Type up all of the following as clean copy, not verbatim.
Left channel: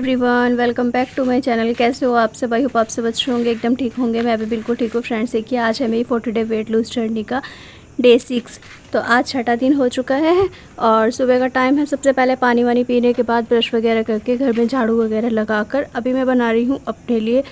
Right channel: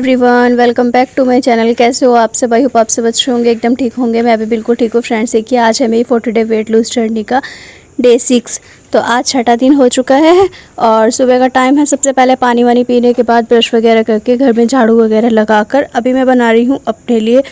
Everyone, welcome back to my channel. कैसे हो आप सब? आई होप आप सब अच्छे होंगे, एकदम ठीक होंगे। मैं भी बिल्कुल ठीक हूँ। फ्रेंड्स, देखिए आज है मेरी 40 डे वेट लूज जर्नी का डे 6। तो आज छठा दिन हो चुका है और सुबह का टाइम है। सबसे पहले पानी वानी पीने के बाद ब्रश वगैरह करके घर में झाड़ू वगैरह लगाकर अभी मैं बना रही हूँ अपने लिए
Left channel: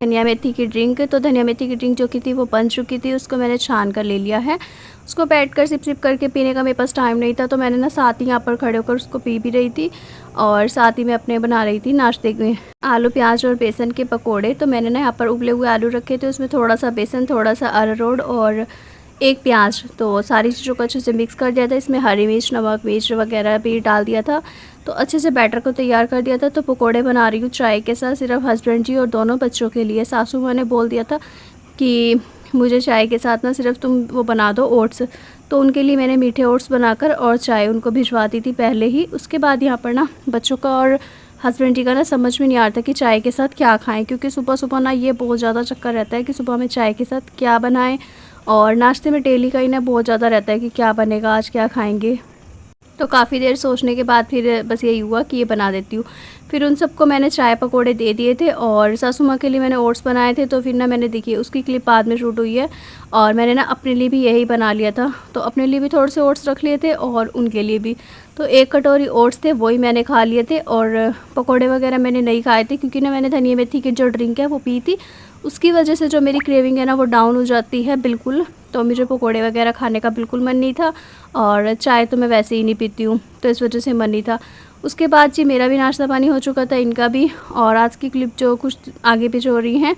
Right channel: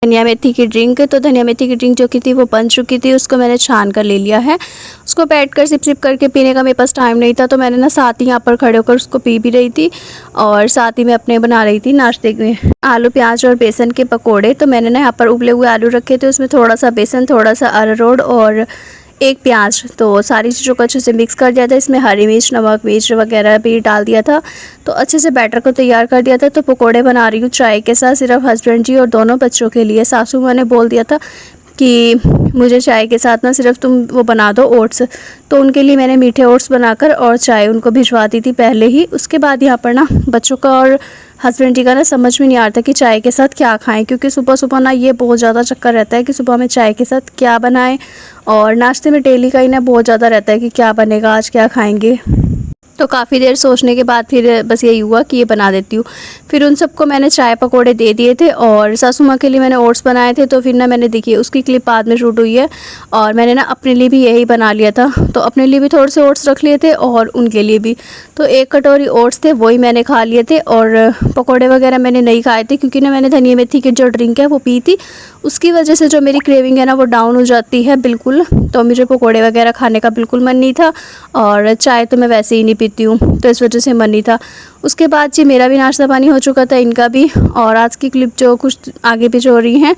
धनिया मेथी की ड्रिंक। तो धनिया मेथी की ड्रिंक जो की थी वो बन चुकी थी, उसको मैंने छान कर ले लिया है। उसको बैठ कर सिप सिप करके पीने का मेरे पास टाइम नहीं था, तो मैंने ना साथ ही यहाँ पर खड़े होकर उसको पी भी रही थी और साथ ही मैं अपने बना रही थी नाश्ते में आलू प्याज और बेसन के पकोड़े। तो मैंने ना यहाँ पर उबले हुए आलू रखे थे, उसमें थोड़ा सा बेसन, थोड़ा सा अरारोट और एक प्याज, तो सारी चीज़ों को अच्छे से मिक्स कर दिया था। इसमें हरी मिर्च, नमक मिर्च वगैरह भी डाल दिया था, तो अच्छे से बैटर को तैयार कर दिया था। तो पकोड़े बना रही हूँ चाय के साथ, सिर्फ हस्बैंड जी और दोनों बच्चों के लिए। सासू माँ ने बोल दिया था कि मुझे चाय के साथ ना सिर्फ तुम वो बना दो ओट्स, तो उनके लिए मैंने मीठे ओट्स बनाकर और चाय उनको भिजवा दी थी पहले ही। उसके बाद यहाँ पर ना बच्चों का और हस्बैंड जी का ना समझ में नहीं आ रहा था कि चाय के साथ क्या खाएं, क्योंकि सुबह सुबह ना ये बहुत ज़्यादा चक्कर रहता है कि सुबह में चाय के साथ क्या बनाएं, और नाश्ते में डेली का ही ना बहुत ज़्यादा रहता है कि क्या बनेगा, आज क्या खाएंगे। तो काफ़ी देर सोचने के बाद फिर बस यही हुआ कि ये बना देती हूँ। फिर उन सबको मैंने चाय पकोड़े दे दिए थे और सासू माँ के लिए मैंने ओट्स बनाए थे। तो फिर ना मैंने देखिए उसकी क्लिप बाद में शूट हुई है और मैंने ना अपने लिए भी यही बना लिया था। तो अपने लिए भी थोड़े से ओट्स रख लिए थे और उनके लिए भी। तो एक कटोरी ओट्स थे, वही मैंने खा लिए थे और पकौड़े वगैरह मैंने नहीं खाए थे, क्योंकि ना मैंने धनिया मेथी की जो ड्रिंक है वो पी थी। उसकी वजह से जो मेरी क्रेविंग है ना वो डाउन हो जाती है बिल्कुल। तो मुझे पकोड़े वगैरह खाने का बिल्कुल मन नहीं था और चाय तो मैं वैसे ही नहीं पीती हूँ, तो इस वजह से मन नहीं था। उसके बाद जी मेरा भी नाश्ता पानी हो चुका था, इनका भी। और आज की क्लिप जो कुछ आगे पीछे हो रही हैं,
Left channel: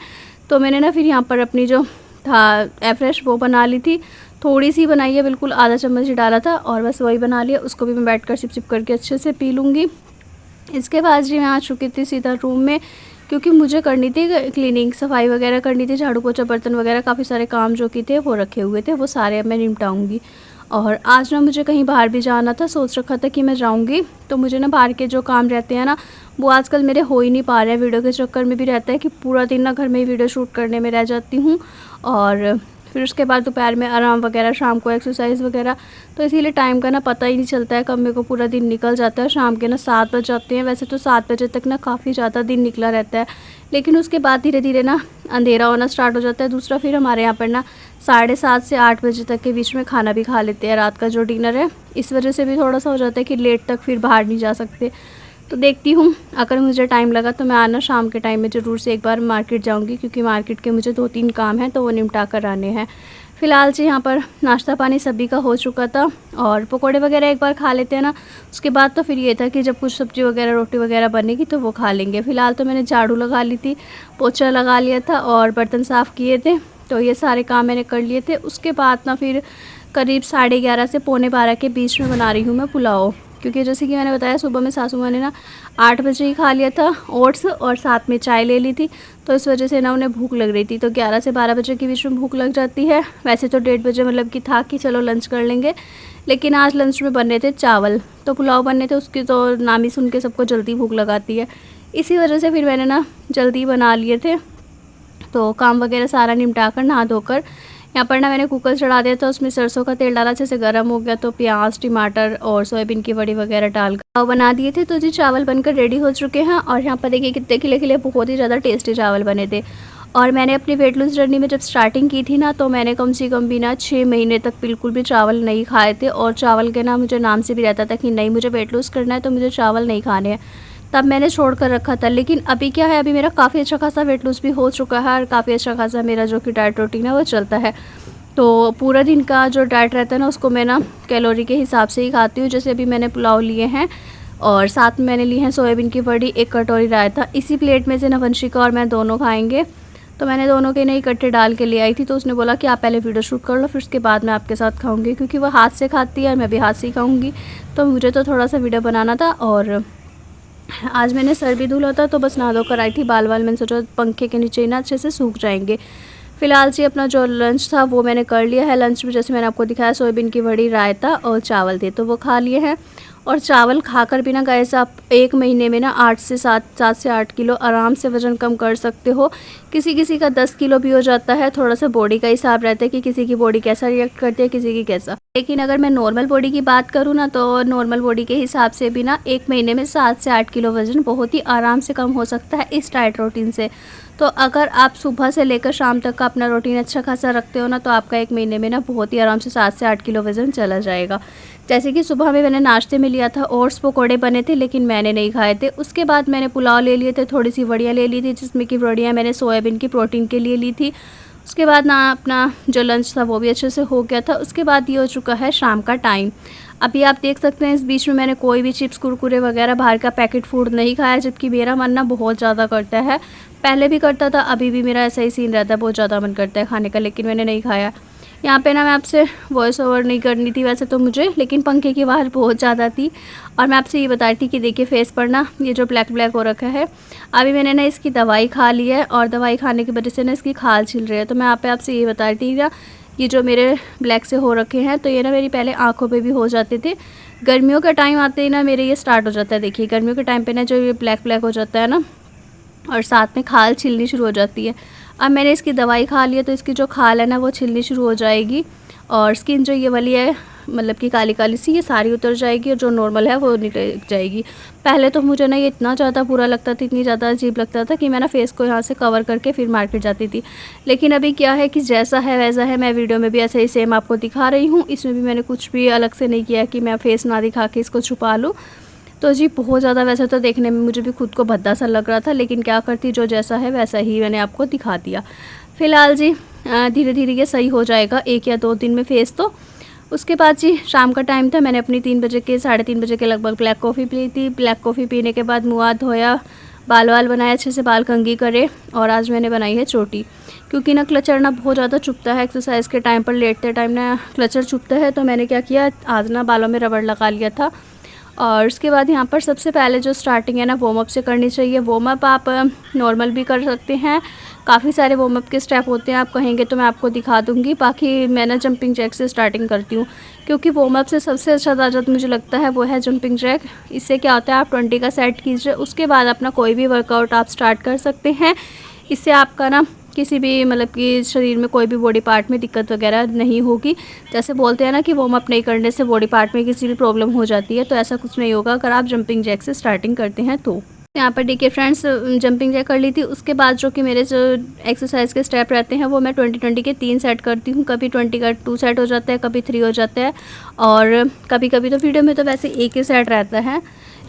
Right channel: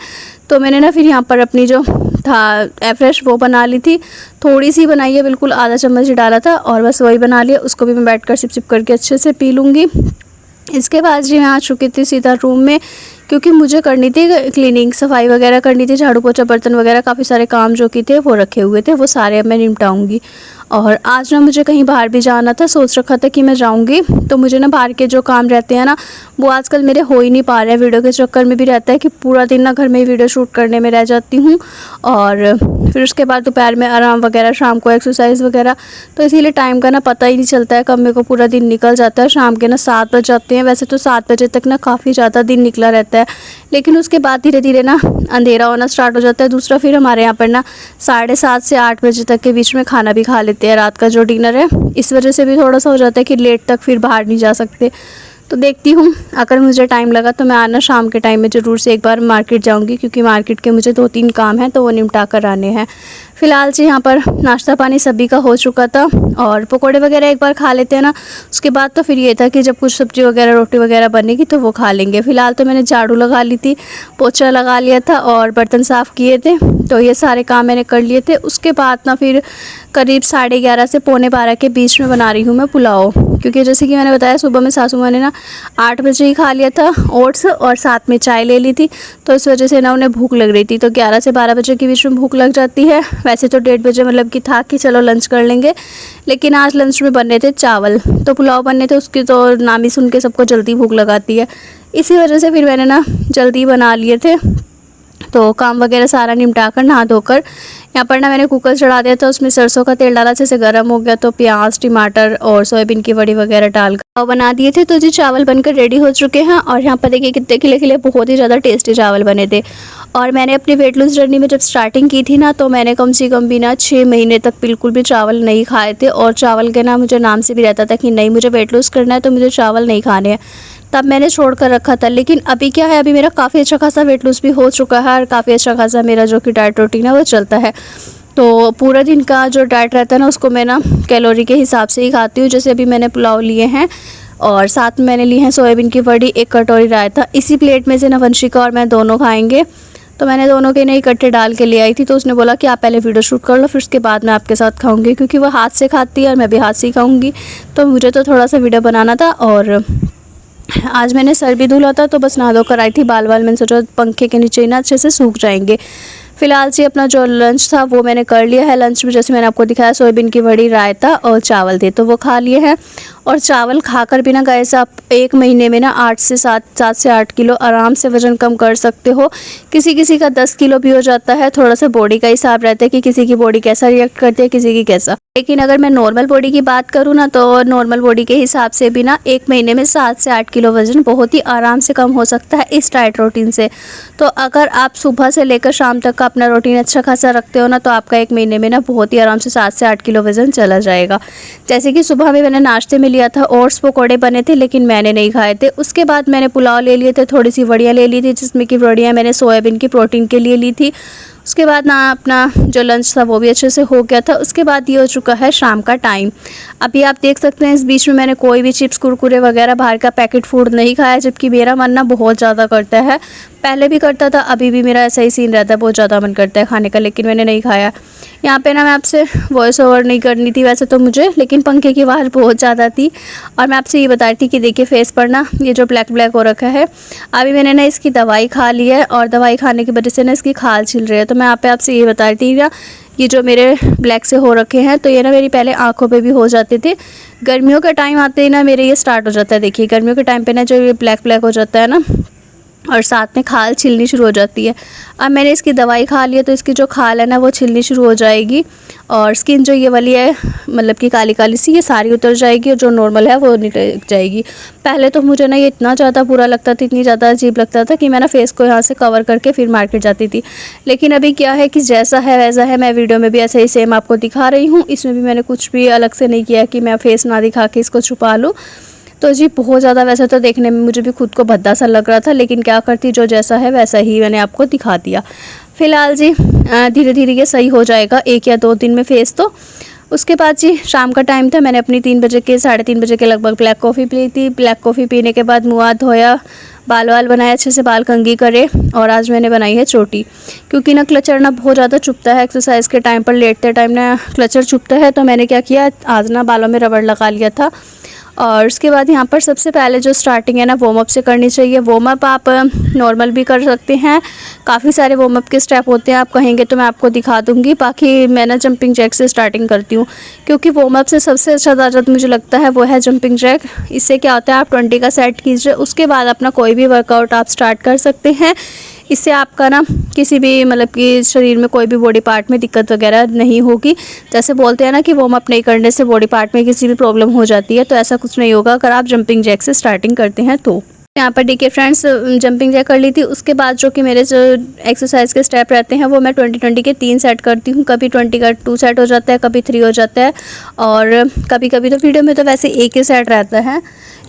तो मैंने ना फिर यहाँ पर अपनी जो था एफ्रेश वो बना ली थी। थोड़ी सी बनाई है, बिल्कुल आधा चम्मच ही डाला था और बस वही बना लिया। उसको भी मैं बैठ कर सिप सिप करके अच्छे से पी लूँगी। इसके बाद जी मैं आ चुकी थी सीधा रूम में, क्योंकि मुझे करनी थी क्लीनिंग, सफाई वगैरह करनी थी, झाड़ू पोछा बर्तन वगैरह काफ़ी सारे काम जो कि थे वो रखे हुए थे, वो सारे अब मैं निपटाऊंगी। और आज ना मुझे कहीं बाहर भी जाना था, सोच रखा था कि मैं जाऊंगी। तो मुझे ना बाहर के जो काम रहते हैं ना वो आजकल मेरे हो ही नहीं पा रहे हैं। वीडियो के चक्कर में भी रहता है कि पूरा दिन ना घर में ही वीडियो शूट करने में रह जाती हूँ और फिर उसके बाद दोपहर में आराम वगैरह, शाम को एक्सरसाइज वगैरह। तो इसीलिए टाइम का ना पता ही नहीं चलता है कब मेरे को पूरा दिन निकल जाता है। शाम के ना 7 बज जाते हैं। वैसे तो 7 बजे तक ना काफ़ी ज़्यादा दिन निकला रहता है, लेकिन उसके बाद धीरे धीरे ना अंधेरा होना स्टार्ट हो जाता है। दूसरा फिर हमारे यहाँ पर ना 7:30 से 8 बजे तक के बीच में खाना भी खा लेते हैं, रात का जो डिनर है। इस वजह से भी थोड़ा सा हो जाता है कि लेट तक फिर बाहर नहीं जा सकते। तो देखती हूँ, अगर मुझे टाइम लगा तो मैं आना शाम के टाइम में ज़रूर से एक बार मार्केट जाऊँगी, क्योंकि मार्केट के मुझे 2-3 काम हैं तो वो निपटा कर आने हैं। फ़िलहाल जी यहाँ पर नाश्ता पानी सभी का हो चुका था और पकोड़े वगैरह एक बार खा लेते हैं ना, उसके बाद तो फिर ये था कि जब कुछ सब्ज़ी वगैरह रोटी वगैरह बनेगी तो वो खा लेंगे। फ़िलहाल तो मैंने झाड़ू लगा ली थी, पोछा लगा लिया था और बर्तन साफ़ किए थे, तो ये सारे काम मैंने कर लिए थे। उसके बाद ना फिर करीब 11:30 से 11:45 के बीच में बना रही हूँ मैं पुलाव, क्योंकि जैसे कि मैंने बताया सुबह में सासू माँ ने ना 8 बजे ही खा लिया था ओट्स और साथ में चाय ले ली थी, तो इस वजह से ना उन्हें भूख लग रही थी। तो 11 से 12 बजे के बीच में भूख लग जाती है। वैसे तो 1:30 बजे मतलब कि था कि चलो लंच कर लेंगे, लेकिन आज लंच में बनने थे चावल, तो पुलाव बनने थे, उसकी तो नाम ही सुन के सबको जल्दी भूख लगाती है। इसी वजह से फिर मैंने ना जल्दी बना लिए थे। तो काम वगैरह सारा निपटा कर नहा धोकर यहाँ पर ना मैंने कुकर चढ़ा दिया था, उसमें सरसों का तेल डाला, अच्छे से गर्म हो गया तो प्याज, टमाटर और सोयाबीन की बड़ी वगैरह डालकर बना दिए थे। तो जी चावल बनकर रेडी हो चुके हैं और यहाँ पर देखिए कितने खिले खिले बहुत ही ज़्यादा टेस्टी चावल बने थे। और मैंने अपनी वेट लूज जर्नी में जब स्टार्टिंग की थी ना, तो मैंने कम से कम भी ना 6 महीने तक बिल्कुल भी चावल नहीं खाए थे। और चावल के ना मुझे नाम से भी रहता था कि नहीं, मुझे वेट लूज़ करना है तो मुझे चावल नहीं खाने हैं, तब मैंने छोड़ कर रखा था। लेकिन अभी क्या है, अभी मेरा काफ़ी अच्छा खासा वेट लूज़ भी हो चुका है और काफ़ी अच्छा खासा मेरा जो कि डाइट रूटीन है वो चलता है। तो पूरा दिन का जो डाइट रहता है ना उसको मैं ना कैलोरी के हिसाब से ही खाती हूँ। जैसे अभी मैंने पुलाव लिए हैं और साथ में मैंने ली है सोयाबीन की बड़ी, 1 कटोरी रायता। इसी प्लेट में से ना वंशिका और मैं दोनों खाएंगे, तो मैंने दोनों के नहीं इकट्ठे डाल के ले आई थी। तो उसने बोला कि आप पहले वीडियो शूट कर लो, फिर उसके बाद मैं आपके साथ खाऊंगी, क्योंकि वो हाथ से खाती है और मैं भी हाथ से ही खाऊंगी। तो मुझे तो थोड़ा सा वीडियो बनाना था और आज मैंने सर भी धुला था, तो बस नहा धोकर आई थी। बाल मैंने सोचा पंखे के नीचे ही ना अच्छे से सूख जाएंगे। फ़िलहाल से अपना जो लंच था वो मैंने कर लिया है। लंच में जैसे मैंने आपको दिखाया सोयाबीन की बड़ी, रायता और चावल थे, तो वो खा लिए हैं। और चावल खाकर भी ना गाइस आप 1 महीने में ना 7 से 8 किलो आराम से वज़न कम कर सकते हो। किसी किसी का 10 किलो भी हो जाता है। थोड़ा सा बॉडी का हिसाब रहता है कि किसी की बॉडी कैसा रिएक्ट करती है, किसी की कैसा। लेकिन अगर मैं नॉर्मल बॉडी की बात करूँ ना, तो नॉर्मल बॉडी के हिसाब से भी ना 1 महीने में 7 से 8 किलो वज़न बहुत ही आराम से कम हो सकता है इस डाइट रूटीन से। तो अगर आप सुबह से लेकर शाम तक का अपना रूटीन अच्छा खासा रखते हो ना, तो आपका 1 महीने में ना बहुत ही आराम से 7 से 8 किलो वज़न चला जाएगा। जैसे कि सुबह में मैंने नाश्ते में लिया था ओट्स पकौड़े बने थे, लेकिन मैंने नहीं खाए थे। उसके बाद मैंने पुलाव ले लिए थे, थोड़ी सी वड़ियाँ ले ली थी, जिसमें कि वड़ियाँ मैंने सोयाबीन की प्रोटीन के लिए ली थी। उसके बाद ना अपना जो लंच था वो भी अच्छे से हो गया था। उसके बाद ये हो चुका है शाम का टाइम। अभी आप देख सकते हैं इस बीच में मैंने कोई भी चिप्स कुरकुरे वगैरह बाहर का पैकेट फूड नहीं खाया, जबकि मेरा मन ना बहुत ज़्यादा करता है। पहले भी करता था, अभी भी मेरा ऐसा ही सीन रहता है, बहुत ज़्यादा मन करता है खाने का, लेकिन मैंने नहीं खाया। यहाँ पे ना मैं आपसे वॉइस ओवर नहीं करनी थी वैसे तो मुझे, लेकिन पंखे की आवाज़ बहुत ज़्यादा थी। और मैं आपसे ये बता रही थी कि देखिए फेस पर ना ये जो ब्लैक ब्लैक हो रखा है, अभी मैंने ना इसकी दवाई खा ली है और दवाई खाने की वजह से ना इसकी खाल छिल रही है। तो मैं यहाँ पे आपसे ये बता रही थी ना, ये जो मेरे ब्लैक से हो रखे हैं, तो ये ना मेरी पहले आँखों पर भी हो जाते थे। गर्मियों का टाइम आते ही ना मेरे ये स्टार्ट हो जाता है। देखिए गर्मियों के टाइम पर ना जो ये ब्लैक ब्लैक हो जाता है ना, और साथ में खाल छिलनी शुरू हो जाती है। अब मैंने इसकी दवाई खा ली है, तो इसकी जो खाल है ना वो छिलनी शुरू हो जाएगी, और स्किन जो ये वाली है मतलब कि काली काली सी, ये सारी उतर जाएगी, और जो नॉर्मल है वो निकल जाएगी। पहले तो मुझे ना ये इतना ज़्यादा बुरा लगता था, इतनी ज़्यादा अजीब लगता था कि मैं ना फेस को यहाँ से कवर करके फिर मार्केट जाती थी। लेकिन अभी क्या है कि जैसा है वैसा है। मैं वीडियो में भी ऐसे ही सेम आपको दिखा रही हूँ, इसमें भी मैंने कुछ भी अलग से नहीं किया कि मैं फेस ना दिखा के इसको छुपा लूँ। तो जी बहुत ज़्यादा वैसे तो देखने में मुझे भी खुद को भद्दा सा लग रहा था, लेकिन क्या करती, जो जैसा है वैसा ही मैंने आपको दिखा दिया। फ़िलहाल जी धीरे धीरे ये सही हो जाएगा 1 या 2 दिन में फेस तो। उसके बाद जी शाम का टाइम था, मैंने अपनी 3 बजे के 3:30 बजे के लगभग ब्लैक कॉफ़ी पी थी। ब्लैक कॉफ़ी पीने के बाद मुँह हाथ धोया, बाल वाल बनाए, अच्छे से बाल कंघी करे, और आज मैंने बनाई है चोटी। क्योंकि ना क्लचर ना बहुत ज़्यादा चुभता है, एक्सरसाइज के टाइम पर लेटते टाइम ना क्लचर चुभता है। तो मैंने क्या किया, आज ना बालों में रबड़ लगा लिया था। और उसके बाद यहाँ पर सबसे पहले जो स्टार्टिंग है ना वार्म अप से करनी चाहिए। वार्म अप आप नॉर्मल भी कर सकते हैं, काफ़ी सारे वार्म अप के स्टेप होते हैं, आप कहेंगे तो मैं आपको दिखा दूँगी। बाकी मैं ना जंपिंग जैक से स्टार्टिंग करती हूँ, क्योंकि वार्म अप से सबसे अच्छा ताकत मुझे लगता है वो है जंपिंग जैक। इससे क्या होता है, आप 20 का सेट कीजिए, उसके बाद अपना कोई भी वर्कआउट आप स्टार्ट कर सकते हैं। इससे आपका ना किसी भी मतलब कि शरीर में कोई भी बॉडी पार्ट में दिक्कत वगैरह नहीं होगी। जैसे बोलते हैं ना कि वार्म अप नहीं करने से बॉडी पार्ट में किसी भी प्रॉब्लम हो जाती है, तो ऐसा कुछ नहीं होगा अगर आप जंपिंग जैक से स्टार्टिंग करते हैं तो। यहाँ पर देखिए फ्रेंड्स, जंपिंग जैक कर ली थी। उसके बाद जो कि मेरे जो एक्सरसाइज के स्टेप रहते हैं वो मैं 20-20 के 3 सेट करती हूँ। कभी 20 का 2 सेट हो जाता है, कभी 3 हो जाता है, और कभी कभी तो वीडियो में तो वैसे एक ही सेट रहता है,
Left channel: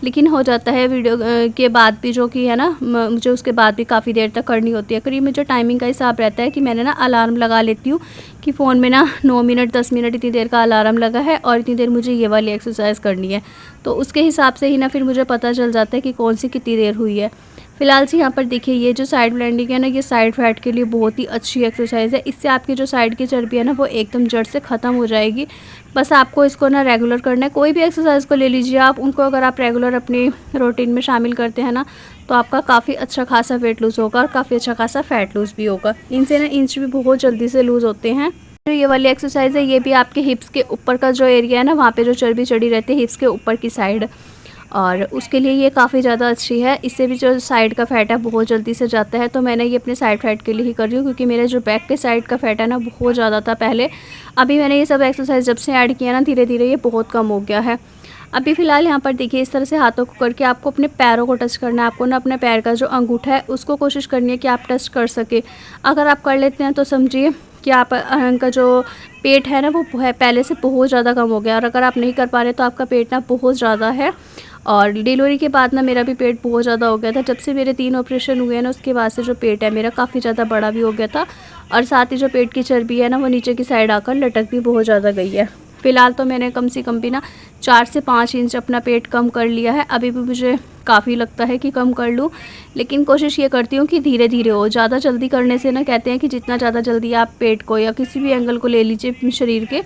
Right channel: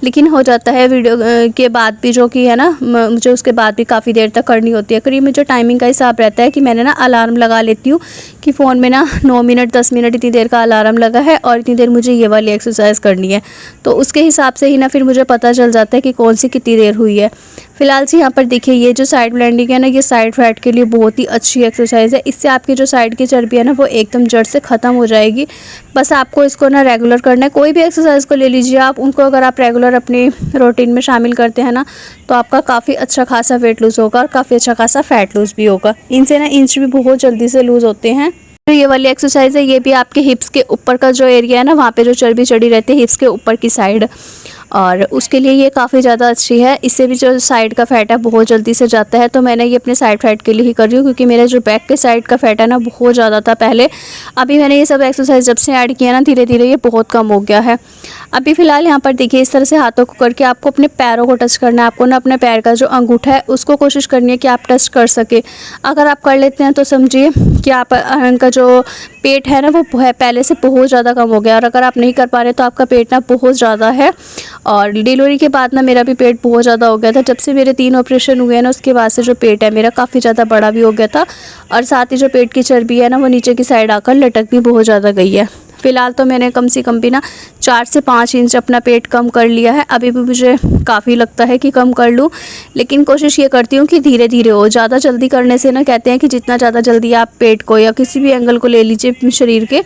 लेकिन हो जाता है वीडियो के बाद भी, जो कि है ना मुझे उसके बाद भी काफ़ी देर तक करनी होती है। करीब मुझे टाइमिंग का हिसाब रहता है कि मैंने ना अलार्म लगा लेती हूँ कि फ़ोन में ना 9 मिनट 10 मिनट इतनी देर का अलार्म लगा है, और इतनी देर मुझे ये वाली एक्सरसाइज करनी है। तो उसके हिसाब से ही ना फिर मुझे पता चल जाता है कि कौन सी कितनी देर हुई है। फ़िलहाल जी यहाँ पर देखिए ये जो साइड ब्लेंडिंग है ना, ये साइड फैट के लिए बहुत ही अच्छी एक्सरसाइज है। इससे आपकी जो साइड की चर्बी है ना वो एकदम जड़ से ख़त्म हो जाएगी। बस आपको इसको ना रेगुलर करना है। कोई भी एक्सरसाइज को ले लीजिए आप, उनको अगर आप रेगुलर अपनी रूटीन में शामिल करते हैं ना, तो आपका काफ़ी अच्छा खासा वेट लूज़ होगा और काफ़ी अच्छा खासा फैट लूज़ भी होगा। इनसे ना इंच भी बहुत जल्दी से लूज़ होते हैं। तो ये वाली एक्सरसाइज है, ये भी आपके हिप्स के ऊपर का जो एरिया है ना, वहाँ पे जो चर्बी चढ़ी रहती है हिप्स के ऊपर की साइड, और उसके लिए ये काफ़ी ज़्यादा अच्छी है। इससे भी जो साइड का फैट है बहुत जल्दी से जाता है। तो मैंने ये अपने साइड फैट के लिए ही कर रही हूँ, क्योंकि मेरे जो बैक के साइड का फैट है ना बहुत ज़्यादा था पहले। अभी मैंने ये सब एक्सरसाइज जब से ऐड किया ना, धीरे धीरे ये बहुत कम हो गया है। अभी फ़िलहाल यहाँ पर देखिए इस तरह से हाथों को करके आपको अपने पैरों को टच करना है। आपको ना अपने पैर का जो अंगूठा है उसको कोशिश करनी है कि आप टच कर सके। अगर आप कर लेते हैं तो समझिए कि आप का जो पेट है ना वो पहले से बहुत ज़्यादा कम हो गया। और अगर आप नहीं कर पा रहे तो आपका पेट ना बहुत ज़्यादा है। और डिलीवरी के बाद ना मेरा भी पेट बहुत ज़्यादा हो गया था। जब से मेरे 3 ऑपरेशन हुए हैं ना, उसके बाद से जो पेट है मेरा काफ़ी ज़्यादा बड़ा भी हो गया था, और साथ ही जो पेट की चर्बी है ना वो नीचे की साइड आकर लटक भी बहुत ज़्यादा गई है। फ़िलहाल तो मैंने कम से कम भी ना 4 से 5 इंच अपना पेट कम कर लिया है। अभी भी मुझे काफ़ी लगता है कि कम कर लूँ, लेकिन कोशिश ये करती हूँ कि धीरे धीरे हो। ज़्यादा जल्दी करने से ना कहते हैं कि जितना ज़्यादा जल्दी आप पेट को या किसी भी एंगल को ले लीजिए शरीर के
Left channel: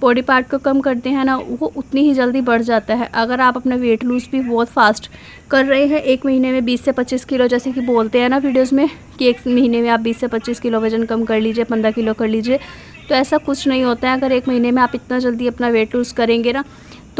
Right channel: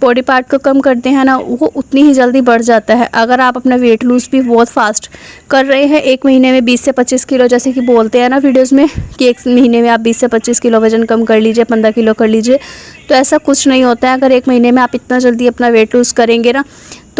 बॉडी पार्ट को कम करते हैं ना, वो उतनी ही जल्दी बढ़ जाता है। अगर आप अपना वेट लूज़ भी बहुत फास्ट कर रहे हैं, 1 महीने में 20 से 25 किलो, जैसे कि बोलते हैं ना वीडियोज़ में कि 1 महीने में आप 20 से 25 किलो वज़न कम कर लीजिए, 15 किलो कर लीजिए, तो ऐसा कुछ नहीं होता है। अगर 1 महीने में आप इतना जल्दी अपना वेट लूज़ करेंगे ना,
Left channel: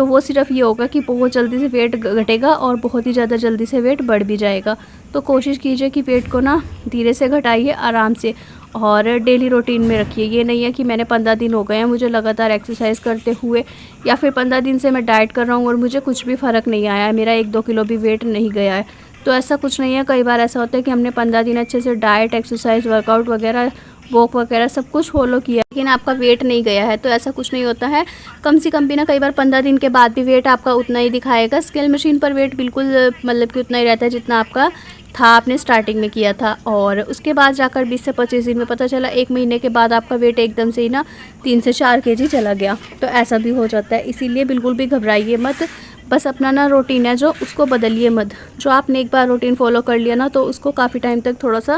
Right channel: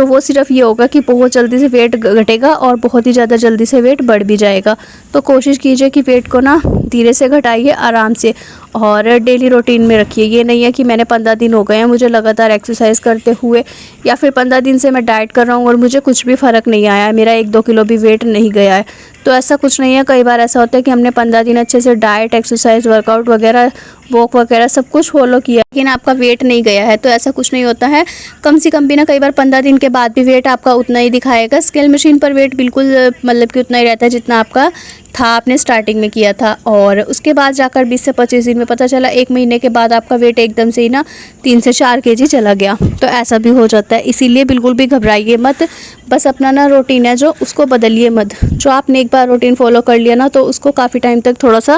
तो वो सिर्फ ये होगा कि बहुत जल्दी से वेट घटेगा और बहुत ही ज़्यादा जल्दी से वेट बढ़ भी जाएगा। तो कोशिश कीजिए कि वेट को ना धीरे से घटाइए, आराम से, और डेली रूटीन में रखिए। ये नहीं है कि मैंने 15 दिन हो गए हैं मुझे लगातार एक्सरसाइज करते हुए, या फिर 15 दिन से मैं डाइट कर रहा हूँ और मुझे कुछ भी फ़र्क नहीं आया है, मेरा 1-2 किलो भी वेट नहीं गया है। तो ऐसा कुछ नहीं है। कई बार ऐसा होता है कि हमने 15 दिन अच्छे से डाइट, एक्सरसाइज, वर्कआउट वगैरह, वॉक वगैरह सब कुछ फॉलो किया, लेकिन आपका वेट नहीं गया है। तो ऐसा कुछ नहीं होता है। कम से कम भी ना, कई बार 15 दिन के बाद भी वेट आपका उतना ही दिखाएगा। स्केल मशीन पर वेट बिल्कुल मतलब कि उतना ही रहता है जितना आपका था, आपने स्टार्टिंग में किया था। और उसके बाद जाकर 20 से 25 दिन में पता चला 1 महीने के बाद आपका वेट एकदम से ही ना 3 से 4 केजी चला गया। तो ऐसा भी हो जाता है, इसीलिए बिल्कुल भी घबराइए मत। बस अपना ना रूटीन है जो, उसको बदलिए मत। जो आपने एक बार रूटीन फॉलो कर लिया ना, तो उसको काफ़ी टाइम तक थोड़ा सा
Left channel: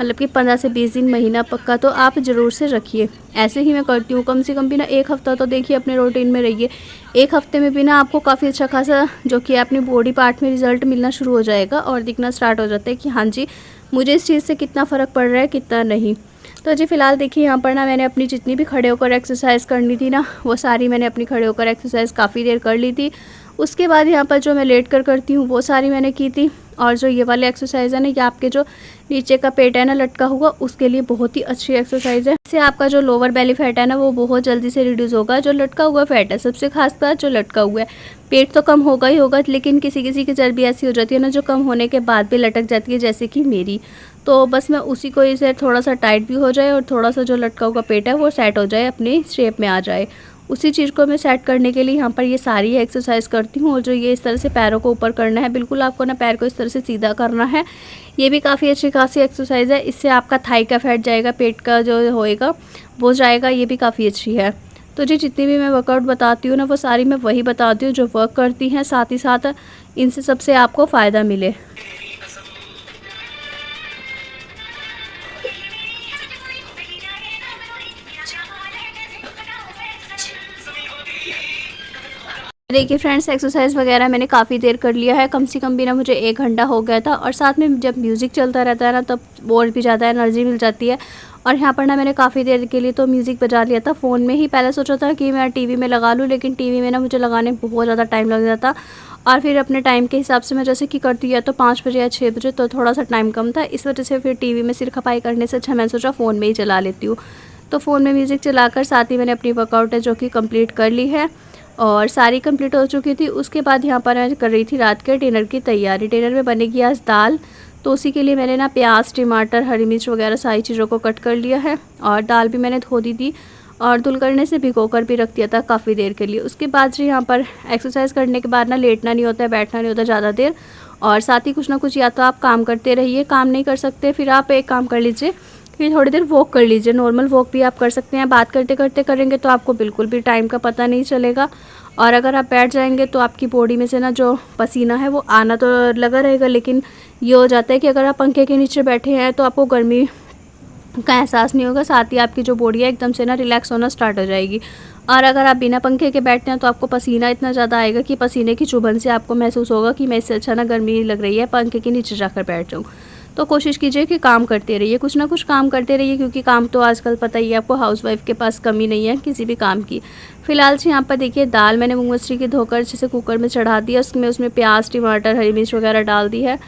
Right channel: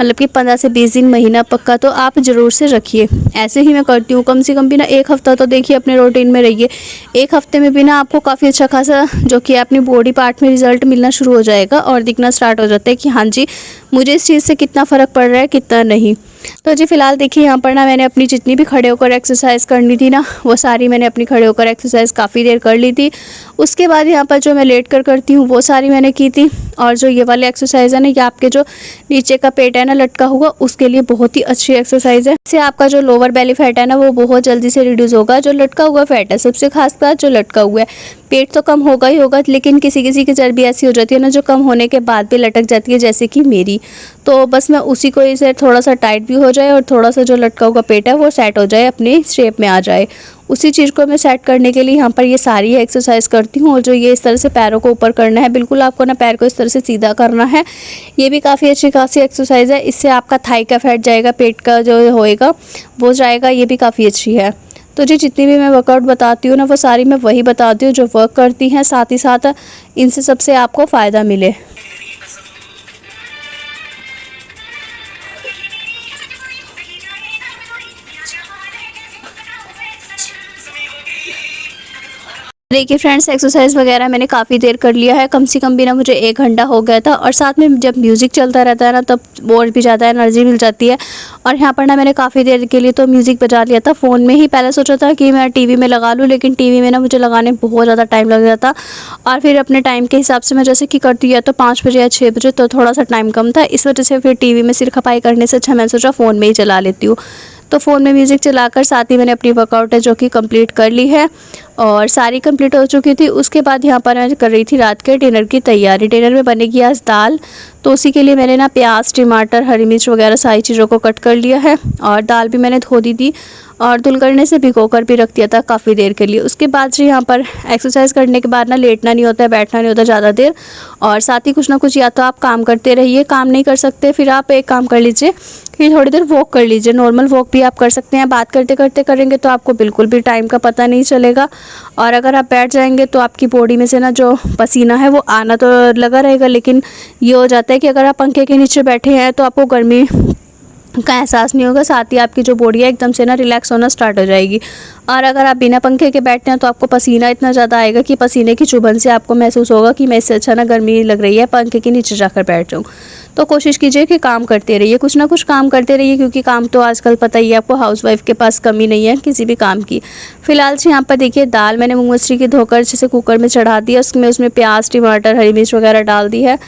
मतलब कि 15 से 20 दिन, महीना पक्का तो आप ज़रूर से रखिए। ऐसे ही मैं करती हूँ। कम से कम भी ना 1 हफ़्ता तो देखिए अपने रूटीन में रहिए। 1 हफ़्ते में भी ना आपको काफ़ी अच्छा खासा जो कि अपनी बॉडी पार्ट में रिज़ल्ट मिलना शुरू हो जाएगा और दिखना स्टार्ट हो जाता है कि हाँ जी, मुझे इस चीज़ से कितना फ़र्क पड़ रहा है, कितना नहीं। तो जी फ़िलहाल देखिए यहाँ पर ना मैंने अपनी जितनी भी खड़े होकर एक्सरसाइज करनी थी ना, वो सारी मैंने अपनी खड़े होकर एक्सरसाइज काफ़ी देर कर ली थी। उसके बाद यहाँ पर जो मैं लेट कर करती हूँ वो सारी मैंने की थी। और जो ये वाली एक्सरसाइज है ना, ये आपके जो नीचे का पेट है ना लटका हुआ, उसके लिए बहुत ही अच्छी एक्सरसाइज है। इससे आपका जो लोअर बेली फैट है ना, वो बहुत जल्दी से रिड्यूस होगा। जो लटका हुआ फैट है, सबसे खास बात जो लटका हुआ है, पेट तो कम होगा ही होगा, लेकिन किसी किसी की चर्बी ऐसी हो जाती है ना जो कम होने के बाद भी लटक जाती है, जैसे कि मेरी। तो बस मैं उसी को इसे थोड़ा सा टाइट भी हो जाए और थोड़ा सा जो लटका हुआ पेट है वो सेट हो जाए, अपनी शेप में आ जाए, उसी चीज़ को मैं सेट करने के लिए यहाँ पर ये सारी एक्सरसाइज करती हूँ। और जो ये इस तरह से पैरों को ऊपर करना है, बिल्कुल आपको ना पैर को इस तरह से सीधा करना है। ये भी काफ़ी अच्छी खासी एक्सरसाइज है। इससे आपका थाई का फैट जाएगा, पेट का जो होएगा वो जाएगा। ये भी काफ़ी अच्छी है। तो जी जितनी भी मैं वर्कआउट बताती हूँ ना, वो सारी मैं वही बताती हूँ जो वर्क करती हैं, साथ ही साथ इनसे सबसे आपको फ़ायदा मिले। देखिए फ्रेंड्स, एक्सरसाइज वगैरह मैंने काफ़ी देर कर लिया है। कम से कम भी ना मुझे 1 घंटा हो गया था। और साथ में जब म्यूज़िक चलता रहता है ना, तब और भी ज़्यादा एनर्जी मिल जाती है। और यहाँ पर ना मैंने काफ़ी देर के लिए तो म्यूज़िक बजा लिया था फ़ोन में ही। पहले सोचा था कि मैं टीवी में लगा लूँ, लेकिन टीवी में ना मुझे लगाने में बहुत ज़्यादा टाइम लग जाता। और फिर अपने टाइम के हिसाब से मैं जैसे कि करती है तो 5 बजे या 6 बजे, तो थोड़ा सा टाइम कम था। इस वजह से फिर टीवी में सिर खपाई करने से अच्छा मैंने सोचा फ़ोन में ही चला लेती हूँ। तो फ़ोन में म्यूज़िक चलाकर साथ ही मैंने अपनी वर्कआउट है जो कि कंप्लीट कर ली है, और सारी कंप्लीट हो चुकी थी। उसके बाद यहाँ पर मैं कर रही थी रात के डिनर की तैयारी। डिनर में बनेगी आज दाल, तो उसी के लिए मैंने ना प्याज, टमाटर, हरी मिर्च वगैरह सारी चीज़ों को कट कर लिया है। और दाल भी मैंने धो दी थी और धुल करने से भिगो कर भी रख दिया था काफ़ी देर के लिए। उसके बाद जी यहाँ पर एक्सरसाइज करने के बाद ना लेटना नहीं होता है, बैठना नहीं होता ज़्यादा देर। और साथ ही कुछ ना कुछ या तो आप काम करते रहिए, काम नहीं कर सकते फिर आप एक काम कर लीजिए, फिर थोड़ी देर वॉक कर लीजिए। नॉर्मल वॉक भी आप कर सकते हैं। बात करते करते करेंगे तो आपको बिल्कुल भी टाइम का पता नहीं चलेगा। और अगर आप बैठ जाएंगे तो आपकी बॉडी में से ना जो पसीना है वो आना तो लगा रहेगा, लेकिन ये हो जाता है कि अगर आप पंखे के नीचे बैठे हैं तो आपको गर्मी का एहसास नहीं होगा। साथ ही आपकी जो बॉडी है एकदम से ना रिलैक्स होना स्टार्ट हो जाएगी। और अगर आप बिना पंखे के बैठते हैं तो आपको पसीना इतना ज़्यादा आएगा कि पसीने की चुभन से आपको महसूस होगा कि मैं इससे अच्छा ना गर्मी लग रही है पंखे के नीचे जाकर बैठ जाऊँ। तो कोशिश कीजिए कि काम करते रहिए, कुछ ना कुछ काम करते रहिए, क्योंकि काम तो आजकल पता ही है आपको, हाउसवाइफ के पास कमी नहीं है किसी भी काम की। फिलहाल से यहाँ पर देखिए दाल मैंने मूंग मसूरी की धोकर जैसे कुकर में चढ़ा दिया, उसमें प्याज, टमाटर, हरी मिर्च वगैरह डाल दी है।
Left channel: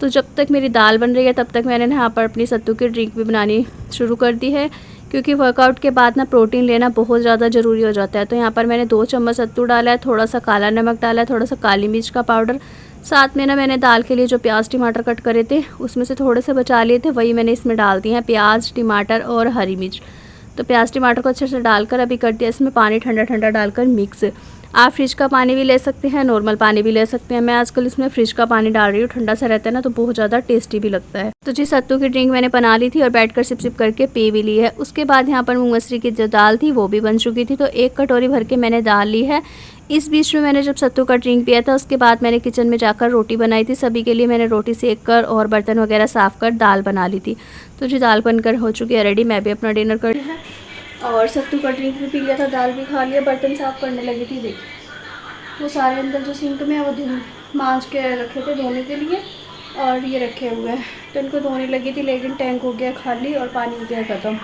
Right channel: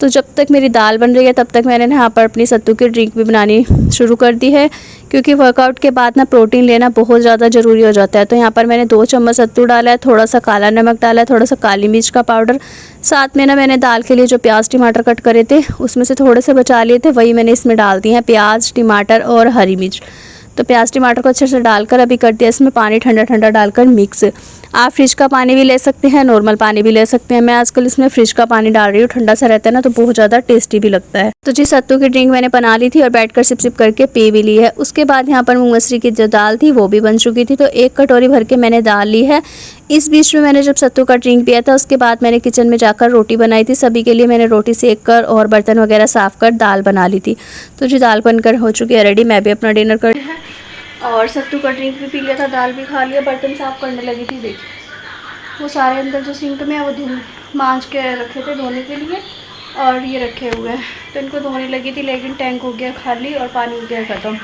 तो जब तक मेरी दाल बन रही है तब तक मैंने यहाँ पर अपनी सत्तू की ड्रिंक भी बनानी शुरू कर दी है, क्योंकि वर्कआउट के बाद ना प्रोटीन लेना बहुत ज़्यादा ज़रूरी हो जाता है। तो यहाँ पर मैंने 2 चम्मच सत्तू डाला है, थोड़ा सा काला नमक डाला है, थोड़ा सा काली मिर्च का पाउडर, साथ में ना मैंने दाल के लिए जो प्याज टमाटर कट करे थे उसमें से थोड़े से बचा लिए थे, वही मैंने इसमें डाल दिए हैं, प्याज, टमाटर और हरी मिर्च। तो प्याज टमाटर को अच्छे से डालकर अभी कर दिया इसमें पानी ठंडा ठंडा डालकर मिक्स। आप फ्रिज का पानी भी ले सकते हैं, नॉर्मल पानी भी ले सकते हैं। मैं आजकल इसमें फ्रिज का पानी डाल रही हूँ, ठंडा सा रहता है ना तो बहुत ज़्यादा टेस्टी भी लगता है। तो जी सत्तू की ड्रिंक मैंने बना ली थी और बैठकर सिप सिप करके पी भी ली है। उसके बाद यहाँ पर मूंग मसूरी की जो दाल थी वो भी बन चुकी थी, तो 1 कटोरी भर के मैंने दाल ली है। इस बीच में मैंने जब सत्तू का ड्रिंक पिया था उसके बाद मैंने किचन में जाकर रोटी बनाई थी। सभी के लिए मैंने रोटी सेक कर और बर्तन वगैरह साफ़ कर दाल बना ली थी। तो जी दाल बनकर हो चुकी है रेडी। मैं भी अपना डिनर कर है और सत्तू का ड्रिंक भी पी लिया था, दाल भी खा लिया, बर्तन साफ़ करने लगी थी। देखिए वो सारे अंदर जो सिंक में है वो मांज के रखे थे धोने के लिए, और ये रखे हुए हैं तो इनको धोने लगी थी, लेकिन टैंक हो गया खाली और पानी हो गया ख़त्म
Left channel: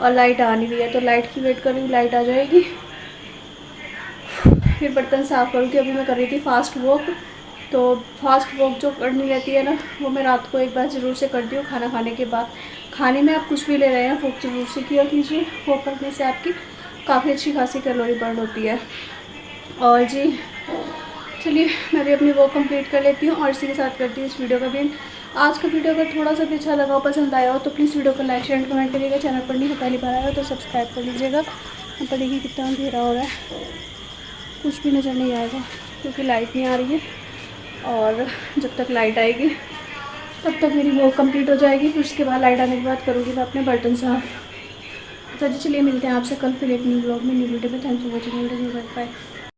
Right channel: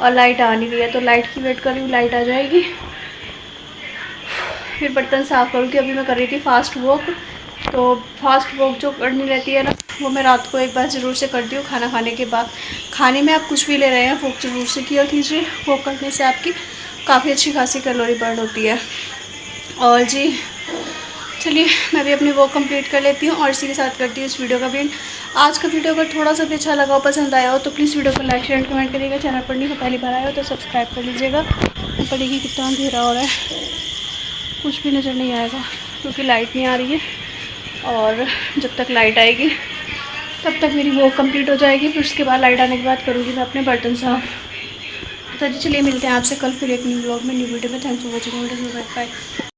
और लाइट आ नहीं रही है। तो लाइट की वेट कर रही हूँ, लाइट आ जाएगी फिर बर्तन साफ़ करूँगी। अभी मैं कर रही थी फास्ट वॉक, तो फास्ट वॉक जो करनी रहती है ना, वो मैं रात को एक बार ज़रूर से करती हूँ खाना खाने के बाद। खाने में आप कुछ भी ले रहे हैं, वॉक ज़रूर से किया कीजिए। वॉक करने से आपकी काफ़ी अच्छी खासी कैलोरी बर्न होती है। और जी चलिए मैं भी अपनी वॉक कंप्लीट कर लेती हूँ और इसी के साथ करती हूँ इस वीडियो का भी एंड। आज का वीडियो अगर थोड़ा सा भी अच्छा लगा हो, पसंद आया हो, तो प्लीज़ वीडियो को लाइक शेयर कमेंट करिएगा। चैनल पर नहीं हो, पहली बार आया हो तो सब्सक्राइब कर लीजिएगा। ऊपर देखिए कितना अंधेरा हो रहा है, कुछ भी नज़र नहीं आएगा क्योंकि लाइट नहीं आ रही है। और जब तक लाइट आएगी तब तक मेरी वॉक कंप्लीट हो जाएगी। फिर उसके बाद लाइट आने के बाद करूँगी मैं अपने बर्तन साफ़। तो जी चलिए मिलते हैं आपसे कल फिर एक न्यू व्लॉग में, न्यू वीडियो में। Thanks for watching video, bye bye.